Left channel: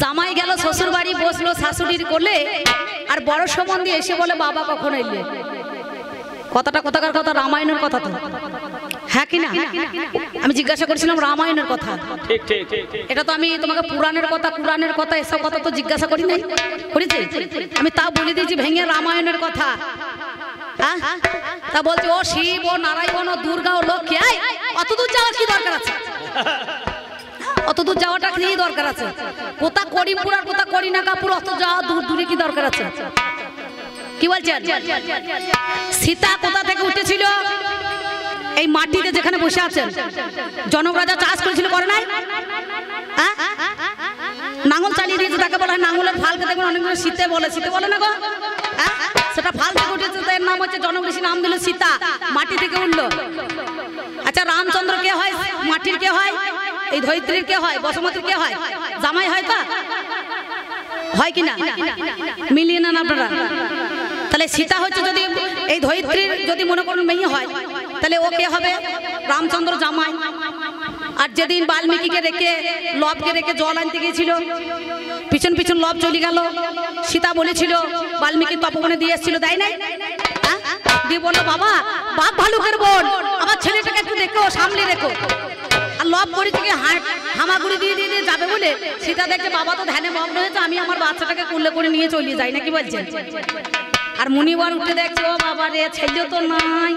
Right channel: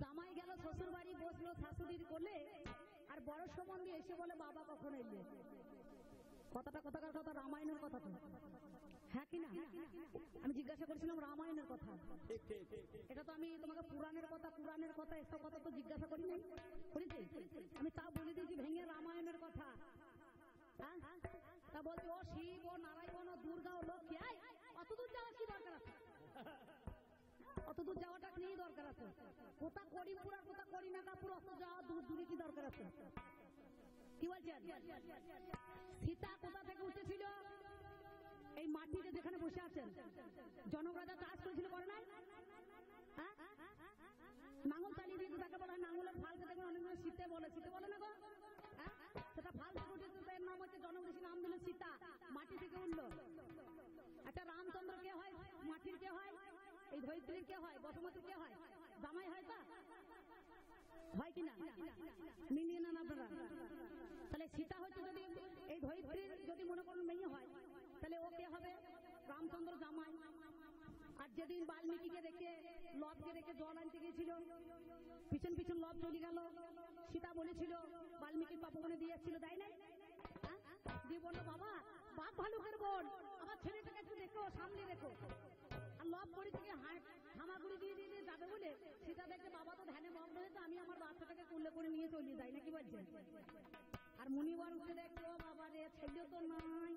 জামাই গেল শ্বশুর বাড়ি, বসলো শাশুড়ির কোলে, আর বড় সম্বন্ধী এসে বলে বাবা কখন এলে? কথাটা কোথাকার কথা? রামায়ণের কথা তো, হ্যাঁ কি না? আমি জিজ্ঞাসা করছিলাম রামায়ণের কথা। ঠিক ঠিক। এটা তো আমি তোমাকে পুরাণের কথা, কুরআনের কথা, এসব কথা তো জিজ্ঞাসা করি নাই, করেছি? আমি তাও বলে দিয়েছি ভেঙে রামায়ণের কথা। হ্যাঁ, তা বলছে ও শিব, ও নারায়ণ, ও দুর্গা, ও লক্ষ্মী। অত দূর যাওয়ার কি দরকার আছে? অত দূর যাওয়াটা কি দরকার আছে? কোথা করিমপুর আর কোথা করিনাকাপুর, অত যাওয়া দূর দূরে কি দরকার আছে? কি বলছেন? সীতা কোথা থেকে উঠেছিল? এই মাটিতে যেখানে বসে আছেন জনক রাজা চাষ করেছিল, করে নাই? নাঙল চালিয়ে দিয়েছে, তাকে বলা হয় নাঙলের ফালকে। দেখবেন অনেকগুলো শীতে বলে, শীতে বলে না গো, সেটা ফাল থেকে উঠেছে, এর নাম হচ্ছে জনক ঋষি নাম দিল সীতা, মাটি থেকে উঠলো। আচ্ছা রামচন্দ্র কে হয়? মাটির কে হয়? এই ধরিত্রীর কে হয়? বসুমতীর কে হয়? জামাই হয় তো, হয় কিনা? মিলিয়ে নেন আপনারা। তাহলে সীতা হচ্ছে, যদি এই ধরিত্রীর যদি মনে করুন মেয়ে হয়, তাহলে ও কে হবে? রামচন্দ্র জামাই। আর যেদিন বাল্মীকিকে রেখে, লবকে রেখে জল আনতে গিয়েছিল, পিছন পিছন লব চলে গেল, সীতা বলেছিল বাল্মীকি তপবনে দিয়ে এসেছিল, দেয় নাই? দিয়ে বললো বাবা, বাপ ভালুকের বোন, আমার ছেলেটাকে একটু দেখো, সামনে রেখো। আর লব করে থেকে হামাগুড়ি দিয়ে দিয়ে যাবে বলে সীতা দেখে বাবা তো ধ্যানে মগ্ন হয়েছে, আমি আমার বাচ্চাটাকে কুলে করে নিয়ে চলে যাই, নাকি বলছেন? আর মুনিবার উঠে দেখছে ও বাবা রে, ছেলে তো নাই।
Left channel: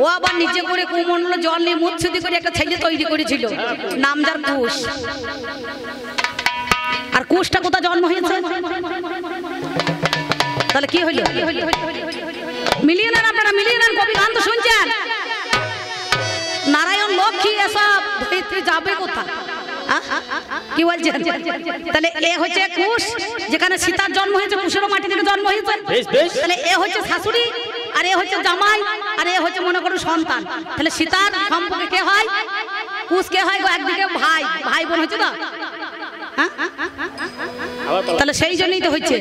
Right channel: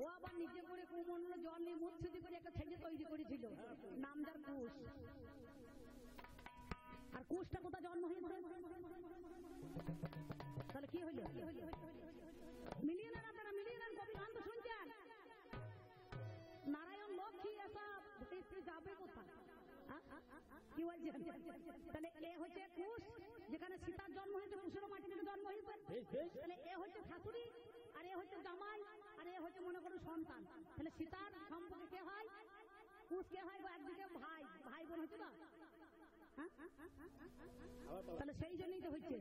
ও আবার নিচে করে কুমন্ডল জল নিয়ে মুচ্ছুদি করে একটা ছেলে তৈরি করেছিল, নাম যার কুশ। আর কুশটা কোথায় জন্ম হয়েছে? তাহলে কি হইল? মিলিয়ে নেন আপনারা, মিলিয়ে নেন। কবি গান তো শুনছেন, নারায়ণ লক্ষ্মী এসব ধরিত্রী যাবে কোথা? কি বলছেন? তাহলে এ হচ্ছে কুশ, যেখানে সীতার জন্ম হয়েছে, কুশেরও মাটি থেকে জন্ম হয়েছে। তাহলে এ হচ্ছে শাশুড়ি, আর এ হচ্ছে জামাই, আর এ হচ্ছে মনে করুন সন্তান। তাহলে সীতার সম্পর্কে কে হয়? কুশ কে হয়? একদিকে ভাই, ভাই বোন হচ্ছে তো। তাহলে সেই জন্যই তো হচ্ছে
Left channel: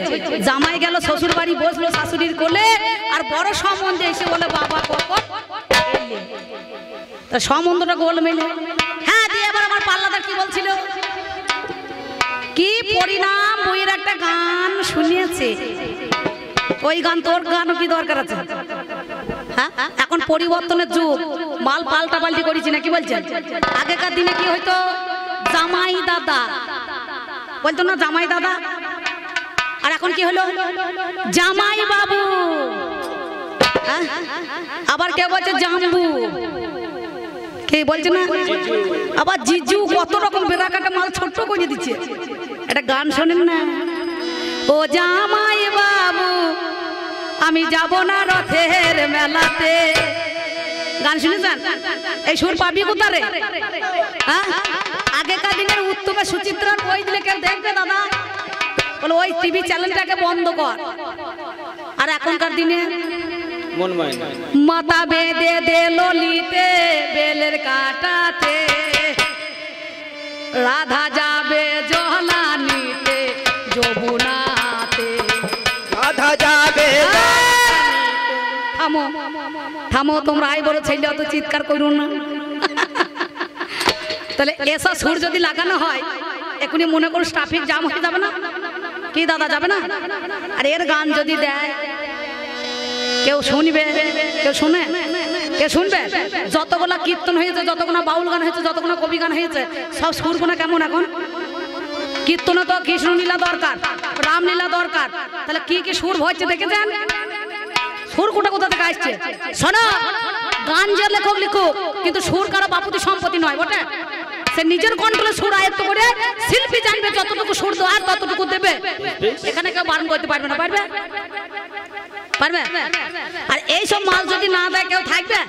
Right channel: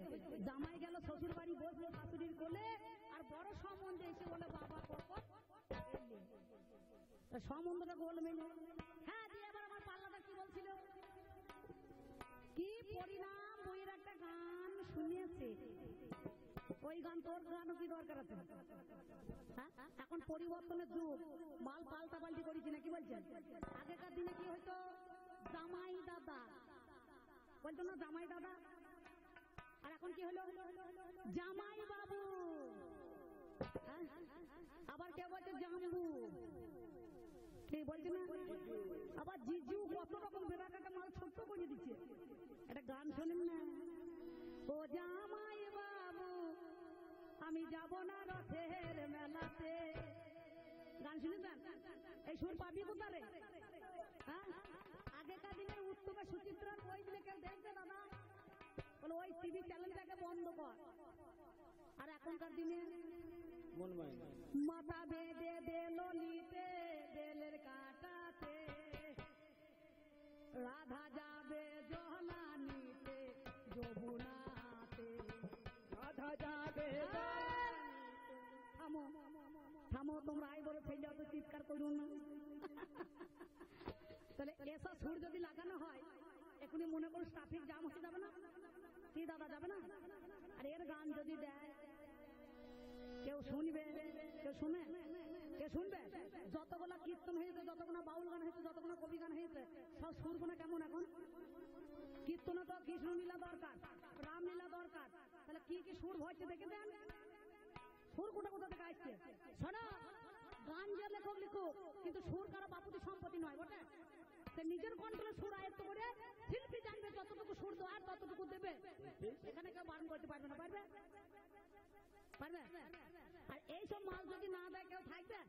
জামাই গেল শ্বশুর বাড়ি, বসলো শাশুড়ির কোলে, আর বড় সম্বন্ধে এসে বলে বাবা কখন এলে? তা সম্বন্ধটা গোল মেলে। হ্যাঁ, দিয়ে এবার আমার পাল্লাদার কি বলছিল? কি পরিণাম বইয়ের একটা গান শুনিয়েছে, ওই গান তোর গানও কি দরকার আছে? হ্যাঁ, এখন পরিবর্তনের যুগ, মাল পাল্টা পাল্টি করেছি না, কি বলছেন? আগেকার দিনে কি হইতো? জামাই দাদা বলতো না, জামাই দাদা। আর এখন কি হলো? জামাই বাবু। আবার কে বলছে জাম্বু, কে বলছে না আবার জিজু। কত রকম বেড়াকাটা মাল ছোট্ট করে দিচ্ছে। একটা গান শোনেন না, ও জামাই বাবু আমি যাব না রথের মেলাতে। গান শুনেছেন? এই সুর পাবি কোথারে? আগেকার দিনের উত্তমে সুচিত্রার বই দিলে কেউ দেখবে দাদা? বলে ওই টিভি চ্যানেলটাকে বন্ধ কর। আর এখনকার দিনে মাথা বেঁধে দে ললিতে বেলের কাটাতে, রাধা যাবে জলানিতে যমুনাতে, রাধা যাবে। থামো থামো, তোমরা আই বড় ছেলে অত চিৎকার করো না। তাহলে এসব সুর যদি লাগানো হয়, এখনই মনে করো ট্রাফিক জ্যাম হয়ে যাবে না? কি দাদা, যাবে না? আর এর গান যদি দেয়, কেউ শুনবে? কেউ শুনে? কে শুনবে? যতগুলা কীর্তন হয়েছে, যতগুলো বাউল গান হয়েছে, যতগুলো কবি গান হয়েছে, সব সুরগুলো কেমন এখন? কীর্তনে তো কৃষ্ণ লীলা দরকার, রামলীলা দরকার। তাহলে কি কি সুর হচ্ছে দেখেছেন? সুর কোটা কোথা থেকে আসছে? শোনো, গান যে লেখক লিখুক, কিন্তু সুর কারো বাপুতি সম্পত্তি নয় বটে। সে নিজের কন্ট্রোলে সুর আয়ত্ত করে শিল্পী জানবে যতটুকু সুর দেওয়ার ততটুকু দেবে। এখানে কেউ বারণ করতে পারবে না, পারবে? পারবে? আর এইসব মাল যদি না দেয় কেউ থাকবে?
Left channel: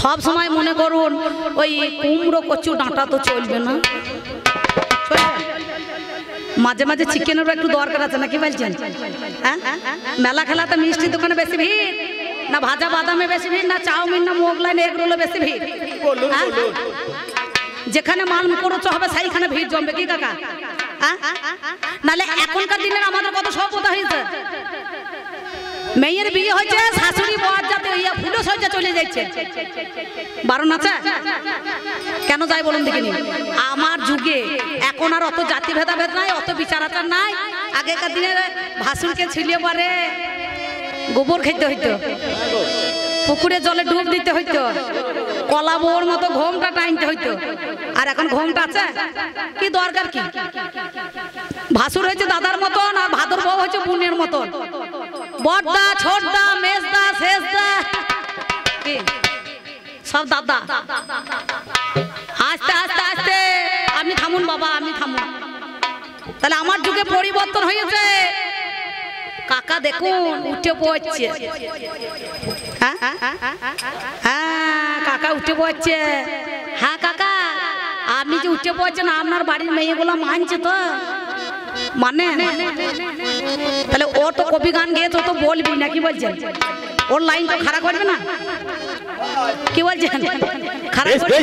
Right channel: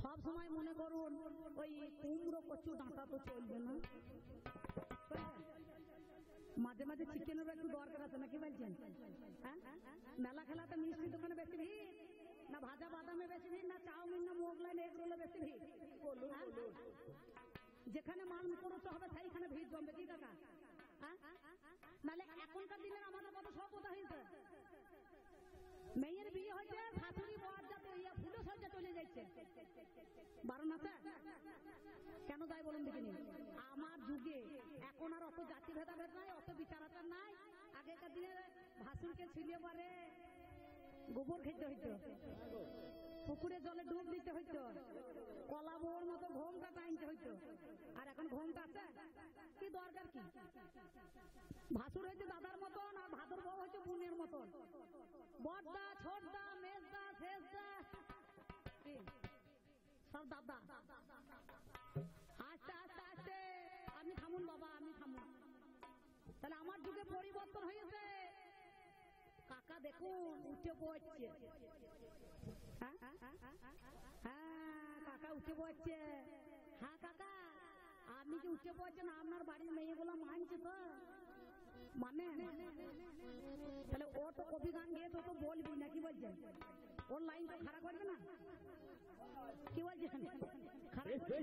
সব সময় মনে করুন ওই কুমড়ো কচু ডাঁটা তো চলবে না, মাঝে মাঝে চিকেনেরও একটু দরকার আছে, নাকি বলছেন? হ্যাঁ, মেলা খেলাতে মিষ্টির দোকানে বেশি ভিড় না, ভাজা বাদামে বেশি ভিড় না, চাউমিন না মোগলাই এগরোলে বেশি ভিড়? যেখানে মাল মুখরোচ হবে সেইখানে ভিড় জমবে, কি কাকা? নালে এখনকার দিনের আমাদের কত সভ্যতা হয়েছে। মেয়ের বিয়ে হয়েছে, শাশুড়ি বর যাতে ফুলো সজ্জা চলে যাচ্ছে, বারণ আছে? কেন যাই বলুন দেখিনি? আমার যুগে এখন আর অত জাতি ভেদাভেদ নাই, অত বিচার আচার নাই। আগেকার দিনে ভাসুরকে ছিলিয়ে পারে গোবর খেতে হইতো, পুকুরে জলে ডুব দিতে হইতো, কলা বউর মতো ঘোমটা টাইনতে হইতো। আর এখন ঘোমটা আছে কি দরকার কি? ভাসুর হয়েছে দাদার মতন আর ভাদর বউ হয়েছে বোনের মতন, বড়দা ছোটদা মেজদা শেষদা কি সব দাদা। আস্তে আস্তে আস্তে আপনি থামুন বাবা, আপনি থামুন। তাহলে আমার যুগে পরিবর্তন হয়েছে। কাকা দেখুন উঠে পড়ছে, হ্যাঁ কাকা উঠে পড়ছে। হ্যাঁ কাকা আপনি যে উঠে পড়ছেন আপনার বাড়ির মেয়েগুলো মানছে তো? মানে তাহলে ও তো কবি গান গেয়েছে, ও তো বলবি না, কি বলছেন? ওর লাইন তো খারাপ করবে না, কি বলছেন? খারাপ করবে?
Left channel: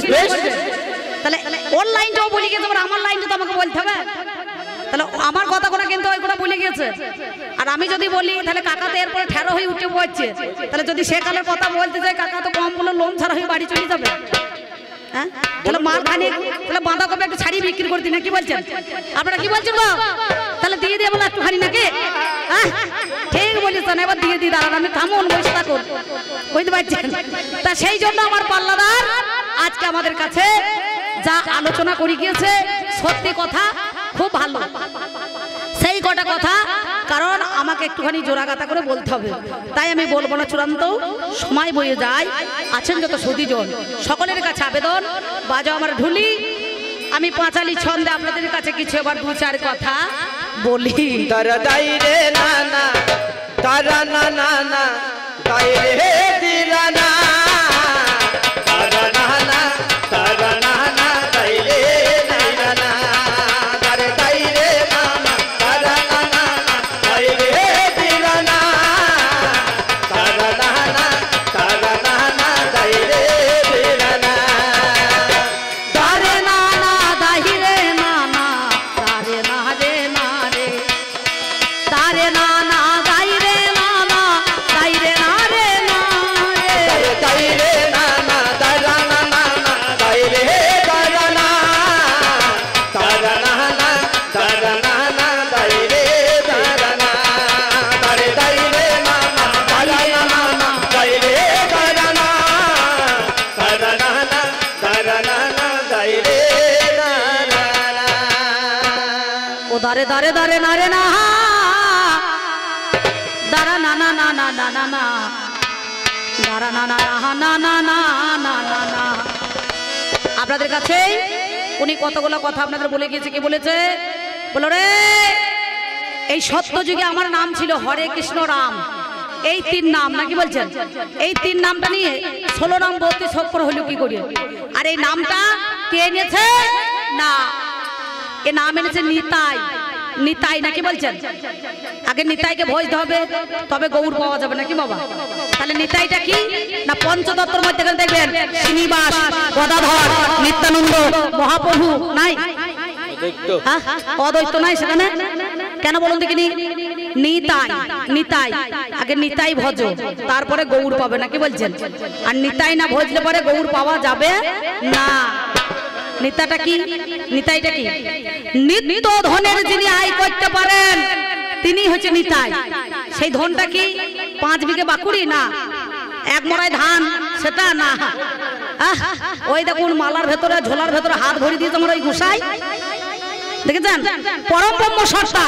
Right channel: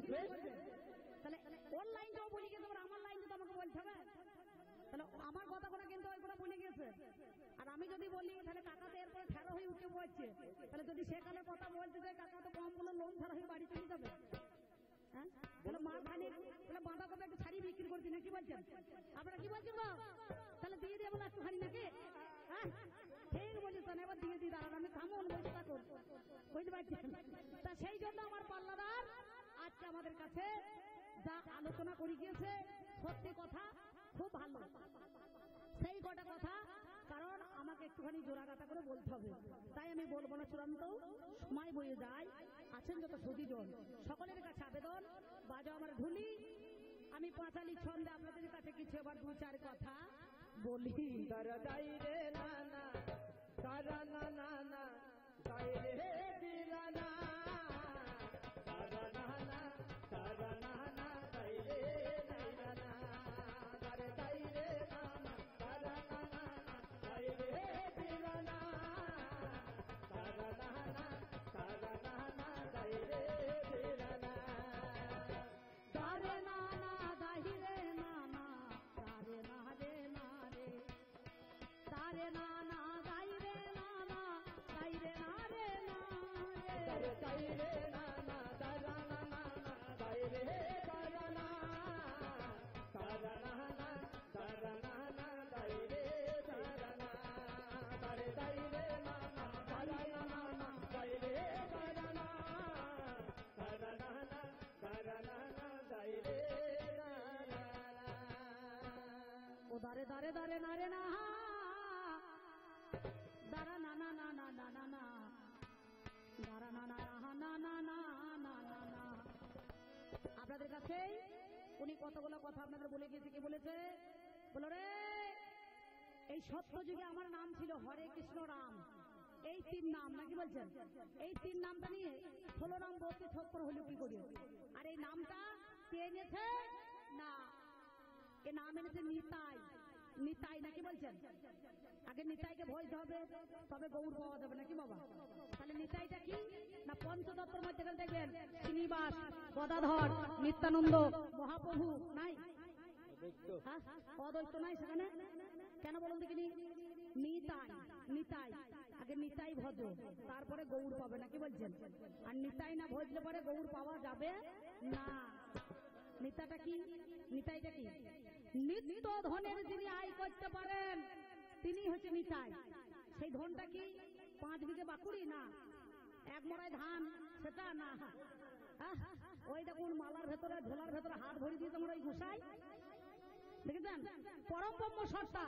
তাহলে ওর লাইনটাও বলে গেছে, আমার লাইনটা তো আমাকে বলতে হবে। তাহলে আমার কথাগুলো কিন্তু ওই কথা বলে গেছে। আর আমি যদি বলি তাহলে কাকা তো এরপরে ঠেরো হয়ে উঠে পড়ছে। তাহলে যদি সেকালের কথা বলতে যাই কাকা তো কম বলে লোন ছাড়া হয়ে বাড়ি চলে যাবে। হ্যাঁ তাহলে মার খানি তাহলে বাঁধাকপি একটু ছাড়িয়ে বিক্রি করতি না, কি বলছেন? আপনারা কি বলছেন গো? তাহলে দিয়ে দিয়ে বলে একটুখানি নাকি? হ্যাঁ ঠিক বলেছেন, এবার দিয়ে দিই দাঁড়ান, আমি থামুন বসে থাকুন, বুঝতে পারছেন? তা সেই জন্য আমার পাল্লাদার আজকে আমাদের কাছে যা আলোচনা করে গিয়েছে সত্যি কথা, খুব ভালো সেই কটা কথা। কারণ আমাকে একটুখানি জোড়াগাতা করে বলতে হবে, তাই আমি বলবো না, চূড়ান্ত সময় বয়ে যায়। আছেন যত সুধীজন সকলের কাছে আবেদন, বাজাও আমার ঢুলি, আমি পাঁচালি ছন্দে আপনাদের কাছে কিছু এবার দু চার কথা বলি। তারা দাই রে না না, তারা না না না, দাই রে দিলা না, তারা না না, তারা না না, দাই রে দিলা না, তারে দাই রে না না, তারা না না, দাই রে দিলা না, তারা না না, তারা না না, দাই রে দিলা না, দারে না না দাহি রে না না, দারে না রে না রে, দারে না না দাই রে না না, দাই রে না রে না রে, দাই রে না না, তারা না না না, দাই রে তারা না, তারা না না, তারা না না, দাই রে তারা না, তারে দাই রে না না, তারা না না, দাই রে তারা না, তারা না না, তারা না না, দাই রে তারা না। ও দারে দারে দারে না রে না, দারা না না না না না না না, দারা না না না না না না না না। আপনাদের কাছে উনি কতগুলো কথা আপনাদের বলে গিয়েছে। কি বলেছে? বলো রে, এই সত্য যুগে আমার নাম ছিল হরে কৃষ্ণ রাম, এই তিন নাম নাকি বলছেন? এই তিন নামটা নিয়ে 16 নাম 32 অক্ষর হলো কি করে? আর এই নামটা কে এনেছে? না, এ নাম এনেছে নিতাই। নিতাই নাকি বলছেন? আগে নিতাইকে ভজতে হবে তবে গৌর পাওয়া যাবে নাকি বাবা? তাহলে নিতাইটা কি না, পঞ্চতত্ত্বের মধ্যে দেখবেন শ্রীনিবাস, গদাধর, নিত্যানন্দ, মহাপ্রভু নাই, অদ্বৈত নাই সেখানে। কেন বলুন দেখিনি? নিতাই, নিতাই আগে নিতাই ভজ, তারপরে গৌর পাবে নাকি বলছেন? আর নিতাই না ভজলে পরে গৌর পাওয়া যাবে না। নিতাটা কি? নিতাইটা কি? নিত্য ধনের যিনি আয় করতে পারেন তিনি হচ্ছে নিতাই। সেই ধনটা কি 5 বিঘে বাকুড়ি না, 1 মড়াই ধান সেটা না। ওই দেখুন মালার ভেতরে ঝোলার ভেতরে হাত ভরি দিয়ে তোমার ওই গোসাই দেখেছেন, পরম ব্রহ্ম সত্তা,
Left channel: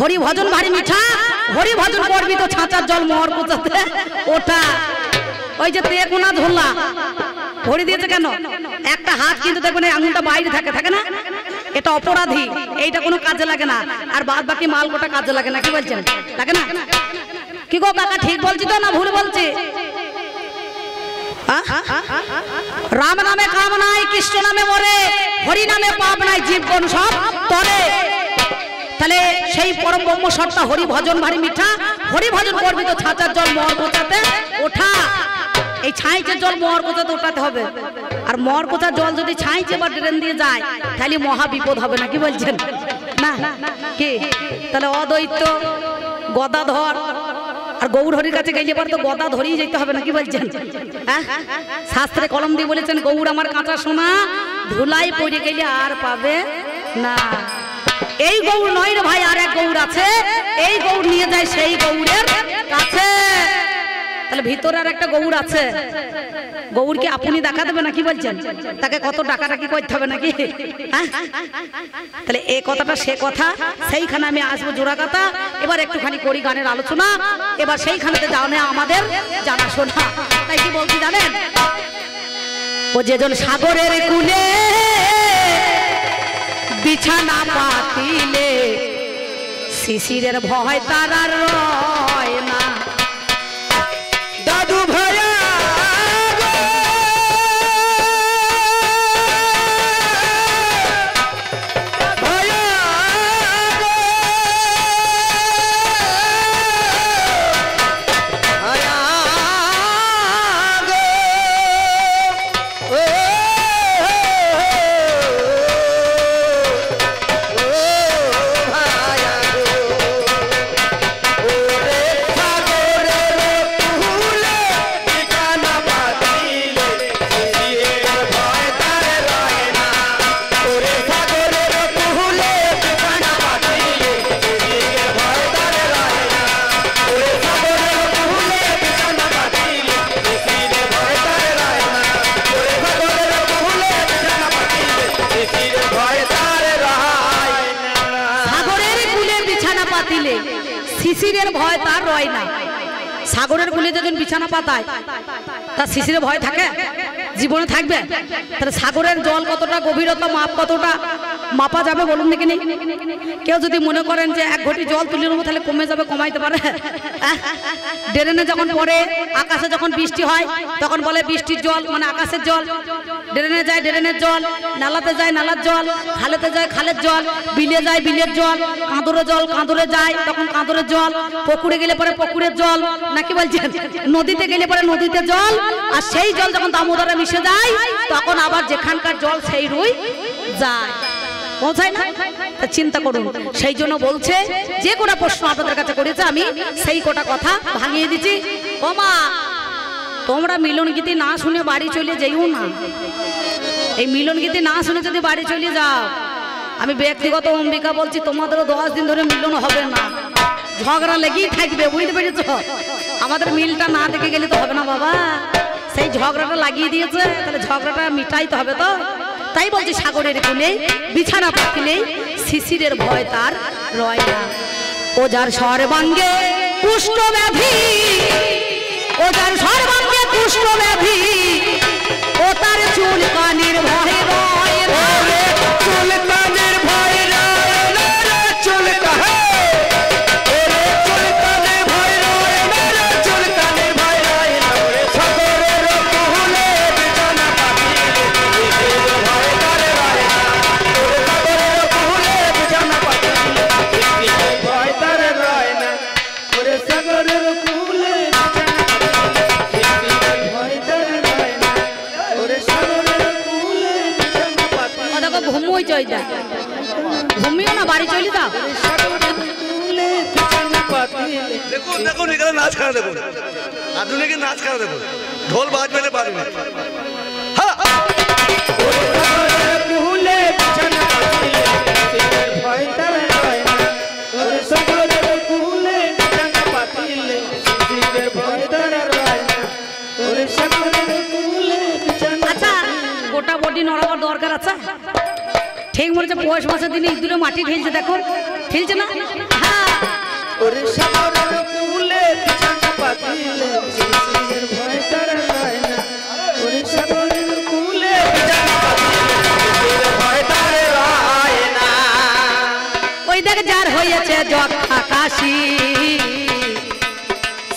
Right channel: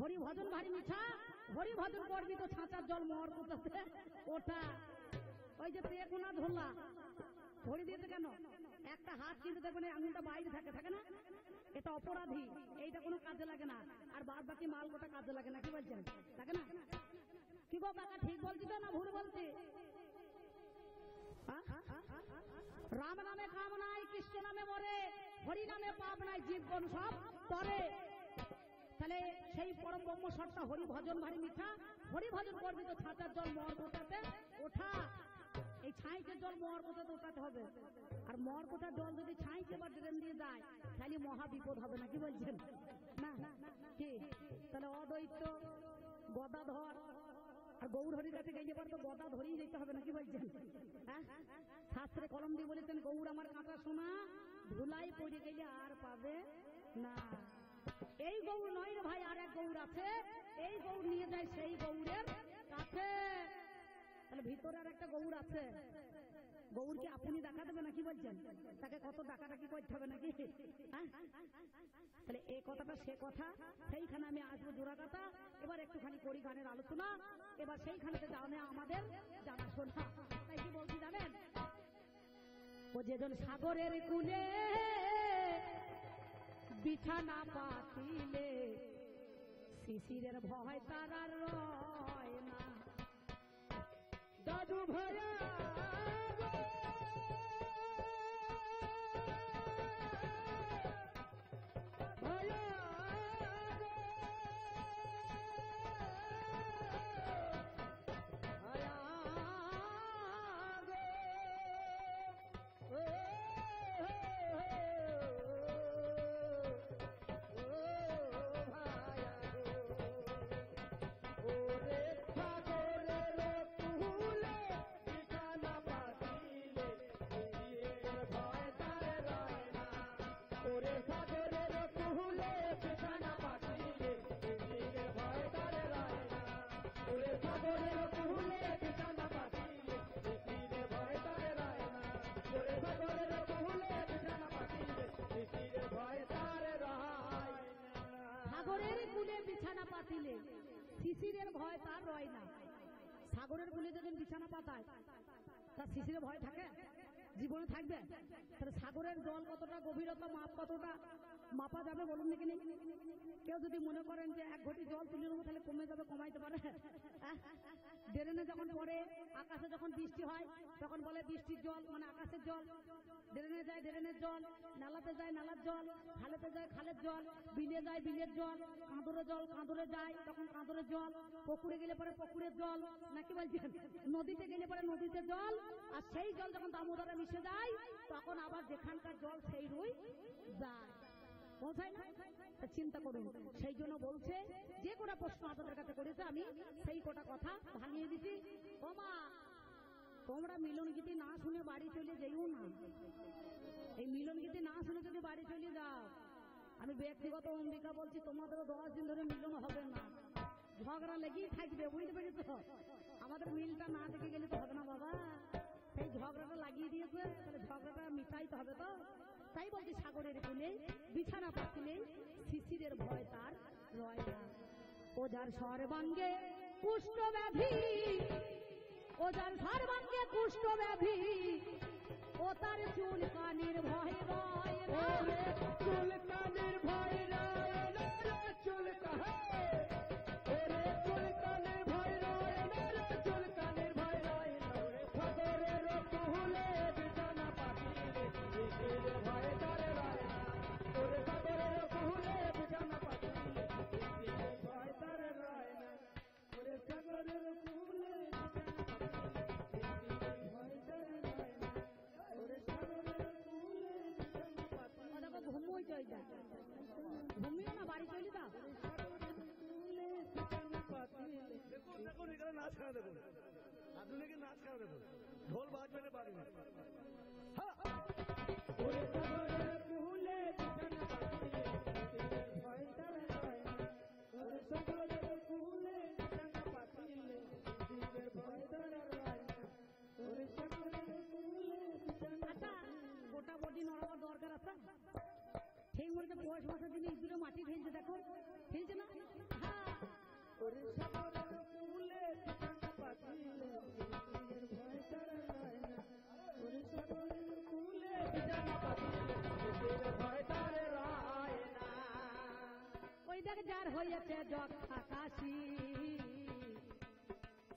হরি ভজন ভারী মিঠা, হরি ভজন করবি তো ছাঁচার জল মোহর কোচাতে, ওটা ওই যে তেকুনা ঝোলা ভরি দিয়েছে। কেন? একটা হাত কিন্তু দেখবেন এই আঙুলটা বাইরে থাকে, থাকে না? এটা অপরাধী, এইটা কোনো কাজে লাগে না। আর বাদ বাকি মাল গোটা কাজে লাগে না, কি বলছেন? লাগে না? কি গো কাকা ঠিক বলছি তো না ভুল বলছি? রাম নামে কাম নাই, কৃষ্ণ নামে মরে, হরি নামে পাপ নাই, জীবগণ সব তরে। তাহলে সেই পরম ব্রহ্ম সত্তা হরি ভজন ভারী মিঠা, হরি ভজন করবি তো ছাঁচার জল মোহর কোচাতে ওঠা। এই ছাইচের জল মোহর কোচাতে ওঠাতে হবে। আর মোহর কোচার জল যদি ছাইচে বা ড্রেন দিয়ে যায় তাহলে মহা বিপদ হবে না, কি বলছেন? না কি? তাহলে অদ্বৈত, গদাধর, আর গৌর হরির কাছে গেলে পরে তো গদা ধরেই যেতে হবে না, কি বলছেন? হ্যাঁ, শাস্ত্রে কলম দিয়ে বলেছেন গৌর আমার কাঁচা সোনা, ধুলাই পড়ে গেলে আর পাবে না। এই গৌর নয় রে ভাই, আর এক গৌর আছে, এই গৌর নিয়ে যায় সেই গৌরের কাছে। তাহলে ভিতরে আর একটা গৌর আছে, গৌরকে আপনি দেখা দেবে না, কি বলছেন? তাকে কত ডাকাডাকি করতে হবে নাকি? হ্যাঁ, তাহলে এই কথাটা সে কথা, সেইখানে আমি আসবো জোড়াকাতা। এবার একটুখানি করি গানের আলোচনা, এবার সেইখানেতে জানে আমাদের জানাশোনা। তাই কি বলছি জানেন? ও যেজন সাগরের কূলে বিছানা পাতিলে, শিশিরের ভয় তার আর রয় না। দাদু ভাইয়া শিশিরের ভয় তার রয় না। সাগরের কূলে যখন বিছানা পাতায় তার শিশিরের ভয় থাকে? জীবনে থাকবে? তাহলে সাগরের জল কতটা গভীরতা, মাপ কতটা মাপা যাবে বলুন দেখিনি? কেউ যদি মনে করেন যে এক ঘটি জল তুলে নেবো তাহলে কমে যাবে, কমাইতে পারে? ড্রেনে যখন পড়ে, আকাশে যখন বৃষ্টি হয় তখন বলে বৃষ্টির জল মানে আকাশের জল। ড্রেনে যায় ড্রেনের জল, নালাতে যায় নালার জল, খালেতে যায় খালের জল, বিলে যায় বিলের জল, কাঁদরে জল কাঁদরে যায় তখন কাঁদরের জল, পুকুরে গেলে পরে পুকুরের জল, নাকি বলছেন? নদীতে গেলে পরে নদীতে জল, আর সেই জল যখন দামোদরে মিশে যায় তখন আবার যেখানকার জল সেই রুই যায়, পৌঁছায় না? চিন্তা করুন। সেই জন্য বলছে যে কোনো প্রশ্ন আপনাদের কাছে করেছে আমি সেই কোটা কথা ভাঙিয়ে দিচ্ছি। ও মা, তোমরা মিলন গীতি না শুনে বাড়ি চলে যাইও না। এই মিলন গীতি না শুনে যদি বাড়ি চলে যাও, আমি ব্যক্তিগত অম্বিকা বলছি, তোমাদেরও 10 দিন ধরে মিলন হবে না, ঝগড়া লেগেই থাকবে, বুঝতে পেরেছ? আমাদের মিলটা না দেখে গেলে তো হবে না বাবা, সেই ঝগড়াটা লাগিয়ে দিয়েছে, তাহলে ঝগড়াটা মিটাইতে হবে তো। তাই বলছি সাগরের কূলে বিছানা পাতিলে শিশিরের ভয় তার রয় না। ও যার সর্বাঙ্গে কুষ্ঠ ব্যাধি, ও যার সর্বাঙ্গে কুষ্ঠ ব্যাধি, ও তার চুল কানির ভয় রয় না। চুল কানের ভয় রয় না, চুল কানের ভয় রয় না, চুল কানের ভয় রয় না। সাগরের কূলে বিছানা পাতিলে শিশিরের ভয় তার রয় না। সাগরের কূলে বিছানা পাতিলে শিশিরের ভয় তার রয় না। ওরে সাগরের কূলে বিছানা পাতিলে শিশিরের ভয় তার রয় না। ওরে সাগরের কূলে বিছানা পাতিলে। ও দেখো ঘুমোই চই যা, ঘুমিও না, বাড়ি চলে যাও। দেখুন দেখুন এখানে নাচ খেলা দেখুন, আধুনিক নাচ খেলা দেখুন, ঢোল বাজবে না বাজবে। হ্যাঁ, আচ্ছা, গোটা বডি নড়াবার দরকার আছে? ঠিক মনে হচ্ছে পৌষ মাসের দিনে ইঁদুরে মাটি ঢেলছে, দেখো ঢেলছে না? হ্যাঁ, ওরে সাগরের কূলে বিছানা পাতিলে শিশিরের ভয় তার রয় না। ওরে সাগরের কূলে বিছানা পাতিলে শিশিরের ভয় তার রয় না। ওই দেখ যার হয়েছে যক্ষা কাশি,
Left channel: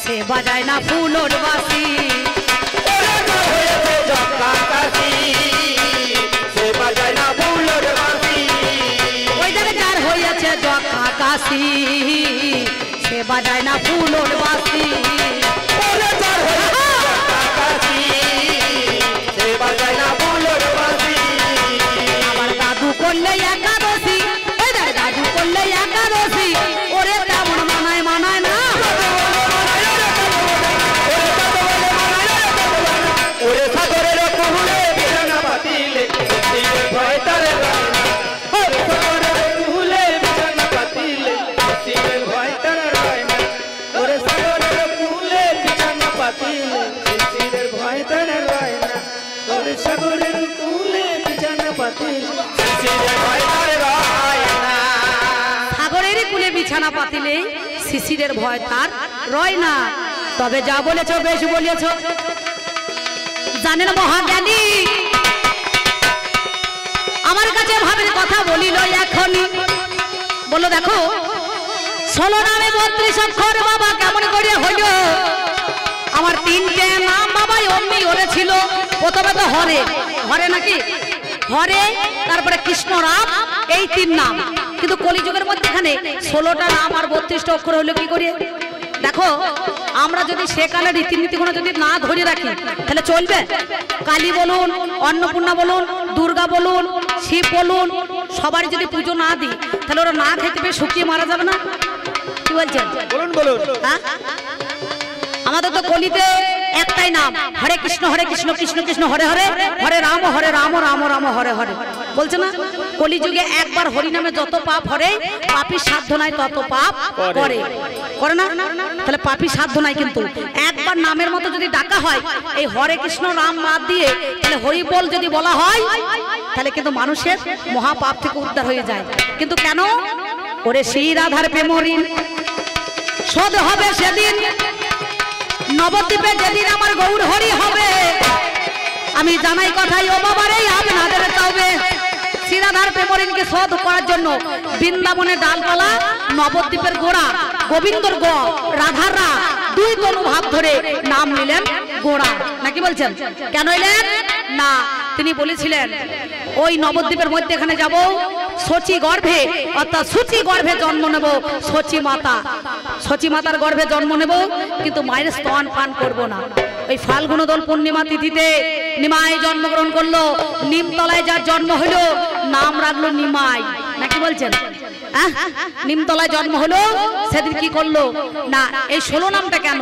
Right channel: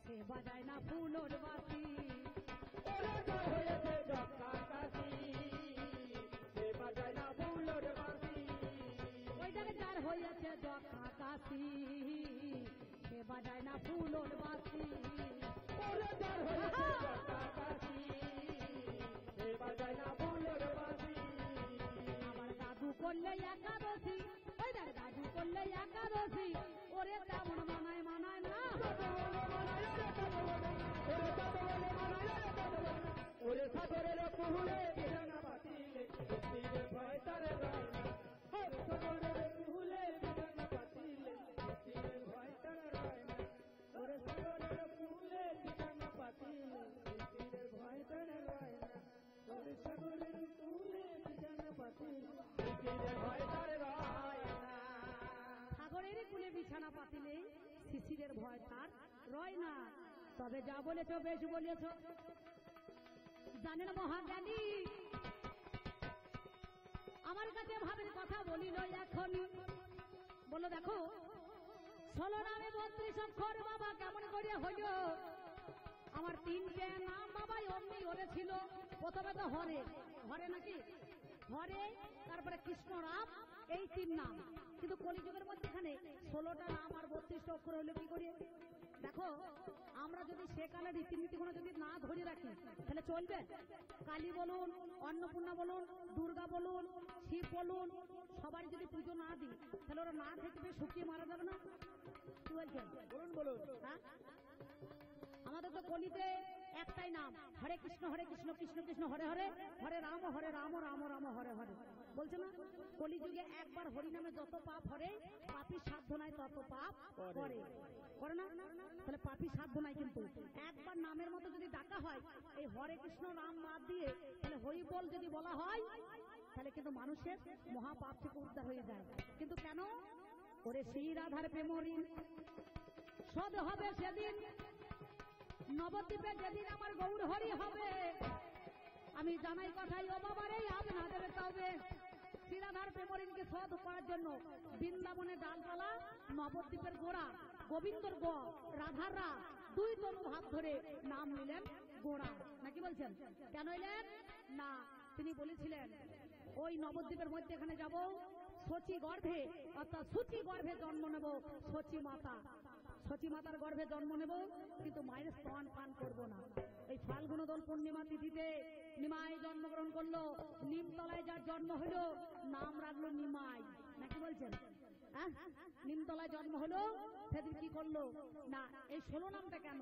সে বাজায় না ফুলোর বাসি। ওরে যার হয়েছে যক্ষা কাশি, সে বাজায় না ফুলোর বাঁশি। ওই দেখ যার হয়েছে যক্ষা কাশি, সে বাজায় না ফুলোর বাসি। ওরে যার হয়েছে যক্ষা কাশি, সে বাজায় না ফুলোর বাঁশি। আমার দাদু করলে একাদশী, ওই দেখ দাদু করলে একাদশী, ওরে তেমন মানায় মানায় না। পাতিল শিশিরের ভয় তার রয় না। সাগরের কুলে বিছানা পাতিলে শিশিরের ভয় তার রয় না। তবে যা বলেছ বেশ বলেছ। জানেন মহাজ্ঞানী আমার কাছে ভাবের কথা বলিল এখনই। বললো দেখো 16 নামে 32 অক্ষর বাবা কেমন করে হইল? আমার 3টে নাম বাবা অমনি ওরে ছিল। প্রথমে তো হরে, হরে নাকি হরে, তারপরে কৃষ্ণ রাম, এই 3 নাম। কিন্তু কলিযুগের মধ্যে এখানে 16টা নাম আর 32টা অক্ষর হইলো কি করে? দেখো আমরা যদি সেকালে রীতিনীতিগুলো যদি না ধরে রাখি তাহলে চলবে? কালী বলুন, অন্নপূর্ণা বলুন, দুর্গা বলুন, শিব বলুন, সবারই যদি পুজো না দিই তাহলে ওরা না খেতে পেয়ে শুকিয়ে মারা যাবে না? কি বলছেন? বলুন বলুন। হ্যাঁ, আমাদের তো কলিতে একটাই নাম হরে কৃষ্ণ কৃষ্ণ কৃষ্ণ হরে হরে, হরে রাম রাম রাম হরে হরে। বলছে না কলিযুগে একবার হরি নামে যত পাপ হরে, পাপী সাধ্য নাই তত পাপ করে, করে না? তাহলে পাপী সাধ্য নাই, কিন্তু একবার নামের মতো যদি ডাকা হয় এই হরে কৃষ্ণ রাম বাদ দিয়ে, তাহলে হরি বল যদি বলা হয় তাহলে কিন্তু মানুষের মহাপাপ থেকে উদ্ধার হয়ে যায়। কিন্তু কেন? ওরে সেই রাধার প্রেমঋণ শোধ হবে সেদিন, নবদ্বীপে যেদিন আমার গৌর হরি হবে। আমি জানাই কথাই ও বাবারে আপনাদের চাইবে শ্রীরাধার প্রেমঋণকে শোধ করার জন্য বৃন্দাবনের ডালপালা, নবদ্বীপের গোড়া, গোবিন্দর গ, রাধার রা, 2 তনু ভাব ধরে নাম নিলেন গোড়া। নাকি বলছেন? কেন এলেন না? তিনি বলেছিলেন ওই নবদ্বীপের মধ্যে এখানে যাব, সচি গর্ভে অর্থাৎ সূচি গর্ভে জন্ম নেব, সচি মাতা, সচি মাতার গর্ভে জন্ম নেব, কিন্তু মায়ের স্তন পান করব না। ওই ফাল্গুন দোল পূর্ণিমা তিথিতে নিমাই জন্মগ্রহণ করলো, নিমতলায় যার জন্ম হলো নাম রাখলো নিমাই। নাকি বলছেন? নিমতলায় জন্ম হলো, সেদিন কি করলো না এই 16 নামটা কেন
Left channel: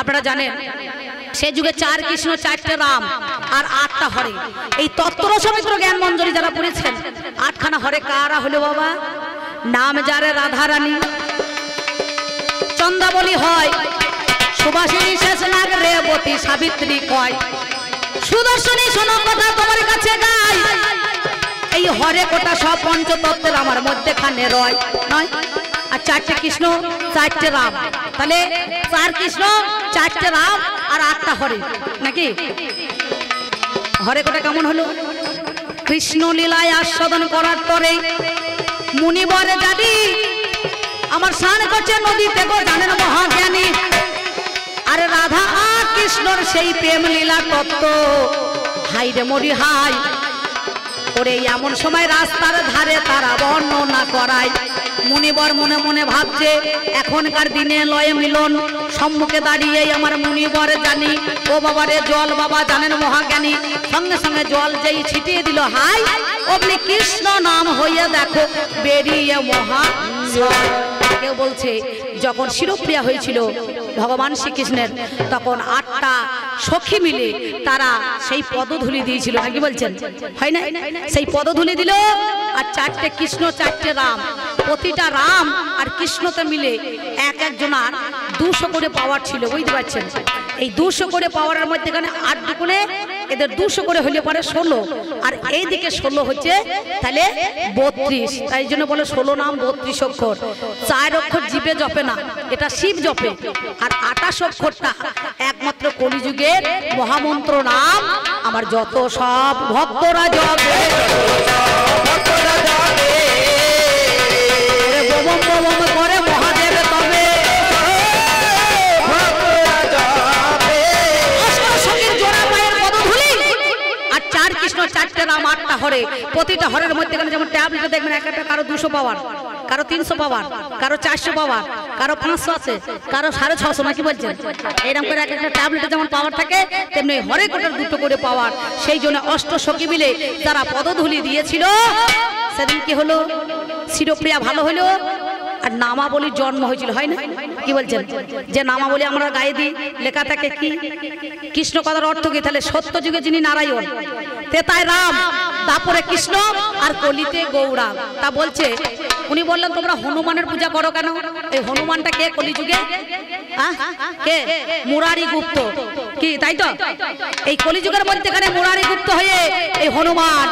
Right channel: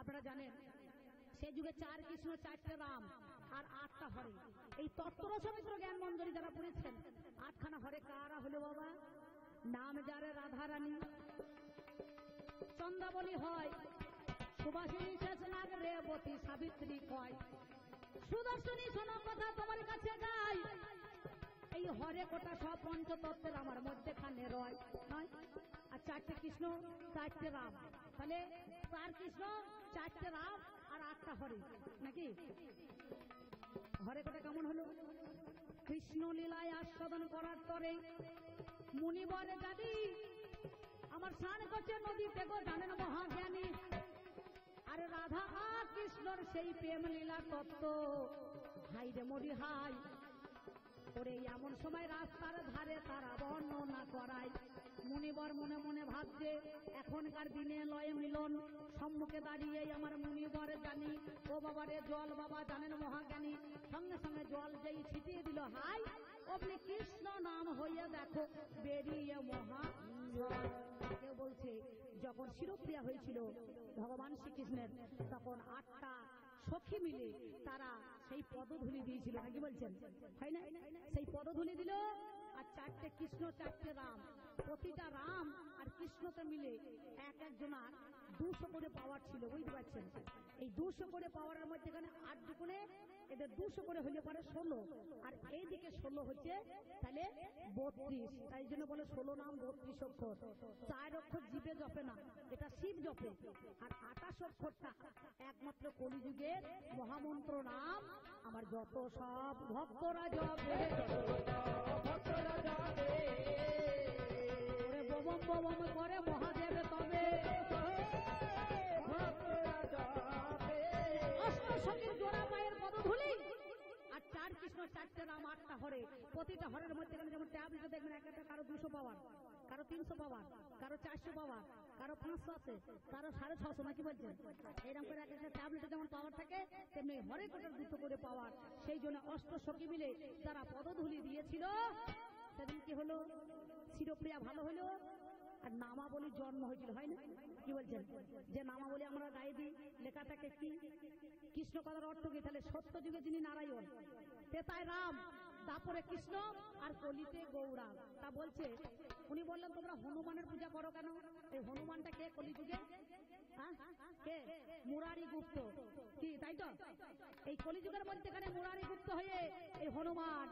আপনারা জানেন? সে যুগে 4 কৃষ্ণ 4টে রাম আর 8টা হরে। এই তত্ত্ব সমিত্র জ্ঞান মঞ্জরি যারা পড়েছেন 8খানা হরে কারা হলো বাবা? নাম যারে রাধা রানী, চন্দ্রাবলী হয়, সুবাসিনী শেষ নাগ রেবতী সাবিত্রী কয়, সুদর্শনী শোনো কথা তোমার কাছে গাই। এই হরে কোটা সব পঞ্চতত্ত্বের আমার মধ্যেখানে রয় নয়। আর 4টে কৃষ্ণ 4টে রাম, তাহলে 4 কৃষ্ণ 4টে রাম আর 8টা হরে। নাকি হরে কোটা কেমন হলো? কৃষ্ণ লীলায় আস্বাদন করার পরে মুনিবরে জানি আমার স্নান করছে নদীতে গো, জানেন মহাজ্ঞানী। আরে রাধা আর কৃষ্ণর সেই প্রেম লীলা তত্ত্ব হাই রে মরি হাই। ওরে এমন সময় রাস্তার ধারে তারা বর্ণনা করায়, মুনিবর মনে মনে ভাবছে এখনকার দিনে লয়ে মিলন, সম্মুখে দাঁড়িয়ে আমার মুনিবর জানি ও বাবারে জল বাবা, জানেন মহাজ্ঞানী। সঙ্গে সঙ্গে জল যেই ছিটিয়ে দিল হাই, অমনি কৃষ্ণ নাম হইয়া দেখো বেরিয়ে মহা। কেউ বলছে যখন শিরপ্রিয়া হয়েছিল ভগবান শ্রীকৃষ্ণের, তখন 8টা সখী মিলে তারা সেই পদধূলি দিয়েছিল। নাকি বলছেন? হয় না? সেই পদধূলি দিল, আর 4টে কৃষ্ণ 4টে রাম, প্রতিটা রাম আর কৃষ্ণতে মিলে এক একজনার 200 করে পাওয়ার ছিল। বুঝতে পারছেন? এই 200 করে পাওয়ারের মধ্যে এখানে 8 দুগুণে এদের 200 করে হলে পরে 16, আর এই দিকে 16 হচ্ছে, তাহলে 32। তাই জন্য বলে 16 নাম 32 অক্ষর। 4 অক্ষর জীবে জপে না, এটা শিব জপে। আর 28 অক্ষরটা একমাত্র কলিযুগের মহামন্ত্র নাম আমার যত সব ভক্তরা জপে, ভক্তরা জপে বম বম করে মহাদেব তবে ভক্তরা জপে। অষ্টসখীর জোড়া পায়ের পদধূলি আর 4 কৃষ্ণ 4টে রাম 8টা হরে। প্রতিটা হরের মধ্যে যেমন ট্যাবলেটে দেখবেন এক একটা কারো 200 পাওয়ার, কারো 300 পাওয়ার, কারো 400 পাওয়ার, কারো 500 আছে, কারো 650। নাকি বলছেন? এরকম করে এক একটা ট্যাবলেটে যেমন পাওয়ার থাকে তেমনি হরে কোটার 2টো করে পাওয়ার। সেই জন্য অষ্টসখী মিলে যারা পদধূলি দিয়েছিল সেদিন কি হলো? শিরপ্রিয়া ভালো হলো আর নামাবলীর জন্ম হয়েছিল। হয় না? কি বলছেন? যে নামাবলী আমরা গায়ে দিই লেখা থাকে কি কৃষ্ণ কথার অর্থ কি? তাহলে সত্য যুগে যিনি নারায়ণ, তেতায় রাম, তারপরে কৃষ্ণ, আর কলিতে গৌরা। তা বলছে উনি বললেন তোমরা হনুমানের পূজা করো কেন? এই হনুমানটা কে কলিযুগে? কে? মুরারি গুপ্ত। কি তাই তো? এই কলিযুগের মধ্যে মুরারি গুপ্ত হয়ে এই হনুমান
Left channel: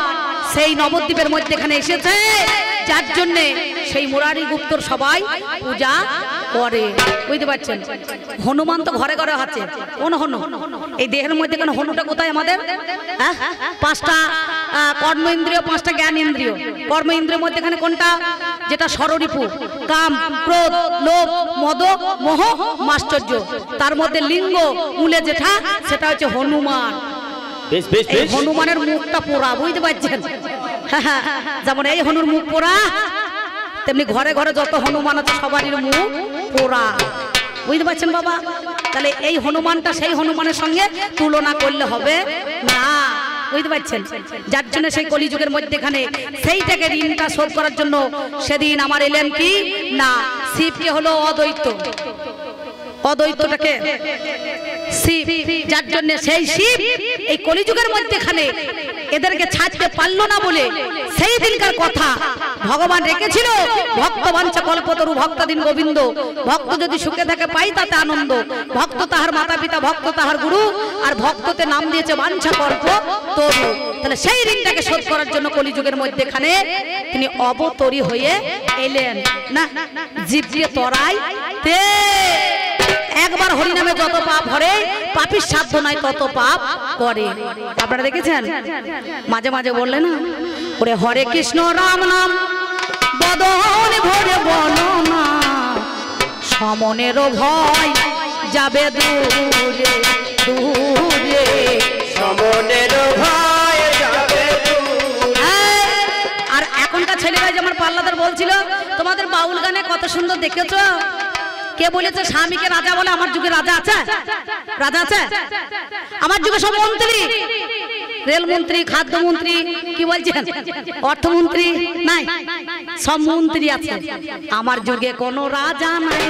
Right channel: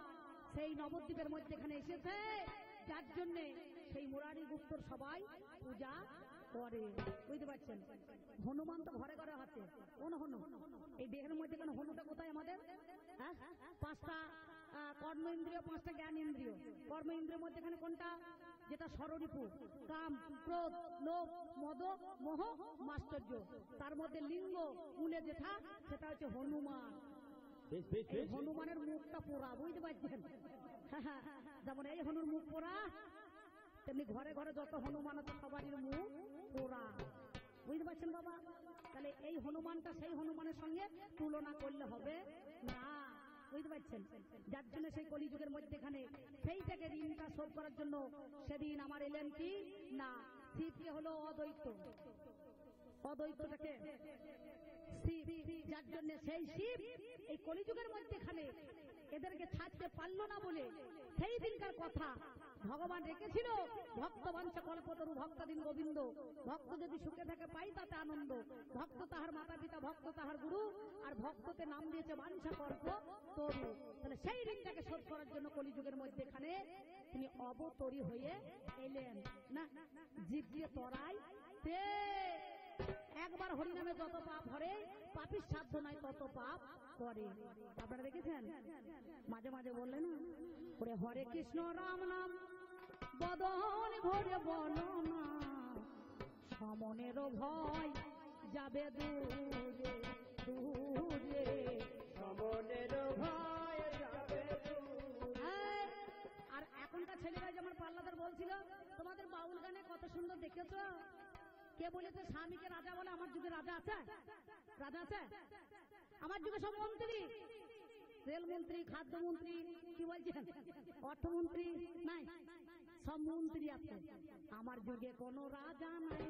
সেই নবদ্বীপের মধ্যে এখানে এসেছে, যার জন্য সেই মুরারি গুপ্তর সবাই পূজা করে। বুঝতে পারছেন? হনুমান তো ঘরে ঘরে আছে। কোন হনু? এই দেহের মধ্যে কোন হনুটা কোথায় আমাদের? হ্যাঁ, পাঁচটা কর্ম ইন্দ্রিয়, পাঁচটা জ্ঞান ইন্দ্রিয়। কর্ম ইন্দ্রিয়ের মধ্যে এখানে কোনটা? যেটা ষড়রিপু, কাম, ক্রোধ, লোভ, মদ, মোহ, মাশ্চর্য। তার মধ্যে লিঙ্গ মূলে যেটা, সেটা হচ্ছে হনুমান। এই হনুমানের মুখটা পোড়া। বুঝতে পারছেন? যেমন এই হনুর মুখ পোড়া, তেমনি ঘরে ঘরে যত হনুমান আছে সবারই মুখ পোড়া। বুঝতে পারছেন বাবা? তাহলে এই হনুমানটা সেই হনুমানের সঙ্গে তুলনা করলে হবে না। বুঝতে পারছেন? যার জন্য সেই কলিযুগের মধ্যেখানে সেইটাকে ঋণটা শোধ করার জন্য সেদিন আমার এলেন কি না, শিবকে হলো অদ্বৈত। অদ্বৈতটাকে শিব, যার জন্য সেই শিব এই কলিযুগের মধ্যেখানে এদেরকে ছাড়তে পারলো না বলে সেই দিনকার কথা ভগবান রেখেছিল, ভক্ত বাঞ্ছা কল্পতরু ভক্তাদিন গোবিন্দ। ভক্ত যদি সুখে থাকে পাই তাতে আনন্দ, ভক্ত তাহার মাতা পিতা, ভক্ত তাহার গুরু, আর ভক্ততে নাম দিয়েছে বাঞ্ছা কল্প তরু। তাহলে সেই ঋণটাকে শোধ করার জন্য কলিযুগের মধ্যেখানে তিনি অবতরী হয়ে এলেন। না, জীবকে তরাই তে একবার হরিনামে যত পাপ হরে, পাপীর সাধ্য নাই তত পাপ করে। আপনারা দেখেছেন? মাঝে মাঝে বললেন না, ওরে হরে কৃষ্ণ রাম নাম বদন ভরে বলো না, সমনেরও ভয় যাবে দূরে দূরে, সমনেরও ভয় যাবে দূরে। আর এখনকার ছেলেরা যে আমার পাল্লাদার বলছিল, তোমাদের বাউল গানে কত সুন্দর দেখেছো। কে বলেছে স্বামীকে রাজা বলে? আমার যুগে রাজা আছে? রাজা আছে? আমার যুগে সব মন্ত্রী, রেলমন্ত্রী, খাদ্যমন্ত্রী, কি বলছেন, অর্থমন্ত্রী নাই, সব মন্ত্রী আছে। আমার যুগে কোনো রাজা নাই।